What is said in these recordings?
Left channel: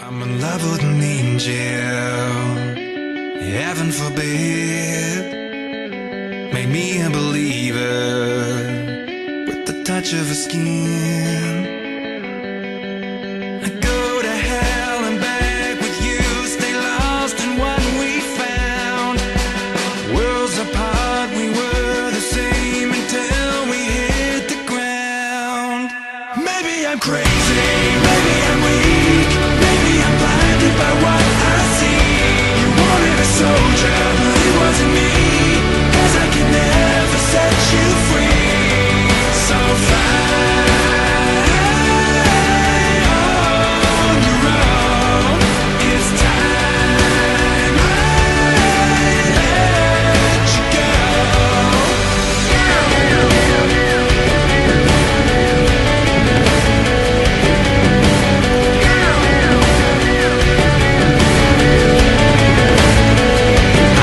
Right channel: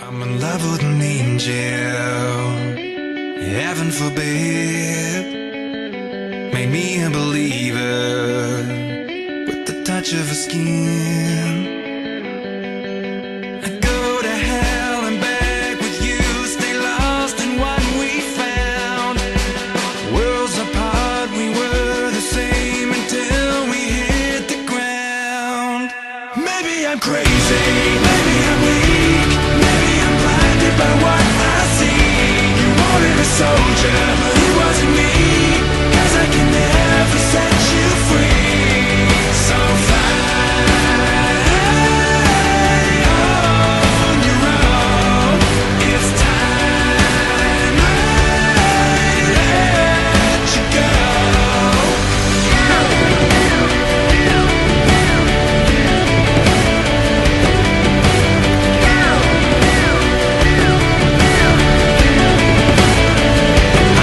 I'm in love with an angel, heaven forbid. Made me a believer with the touch of her skin. I go to hell and back with you, stay lost in what we found. Worlds apart, we were the same until we hit the ground. Maybe I'm crazy, maybe I'm weak, maybe I'm blinded by what I see. You wanted a soldier, but it wasn't me, 'cause I can never set you free. So fly on your own. It's time I let you go.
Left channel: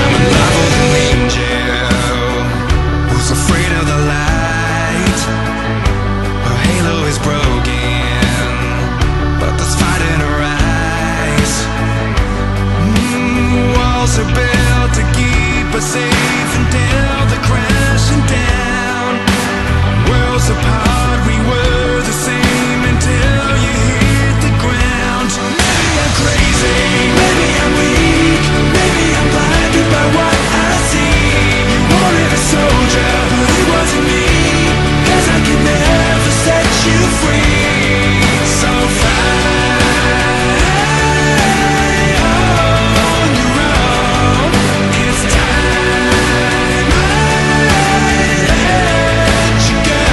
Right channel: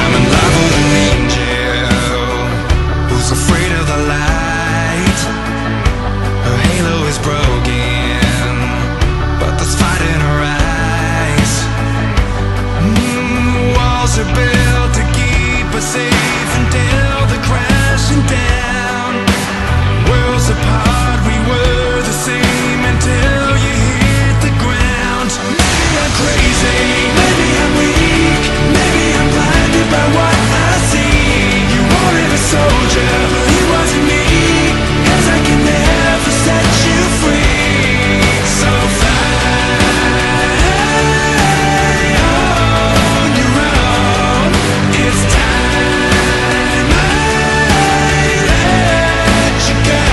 I'm in love with an angel who's afraid of the light. Her halo is broken, but there's fight in her eyes. Walls are built to keep us safe until they're crashing down. Worlds apart, we were the same until you hit the ground. Maybe I'm crazy, maybe I'm weak, maybe I'm blinded by what I see. You wanted a soldier, but it wasn't me, 'cause I can never set you free. So fly on your own. It's time I let you go.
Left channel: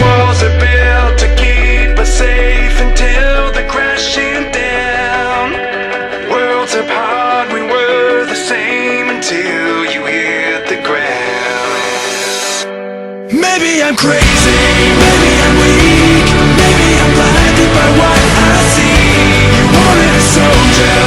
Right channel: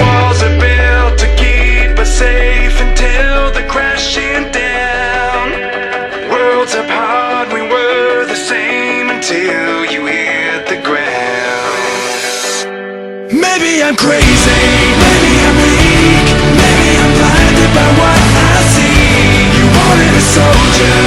Walls are built to keep us safe until they're crashing down. Worlds apart, we were the same until you hit the ground. Maybe I'm crazy, maybe I'm weak, maybe I'm blinded by what I see. You wanted a soldier,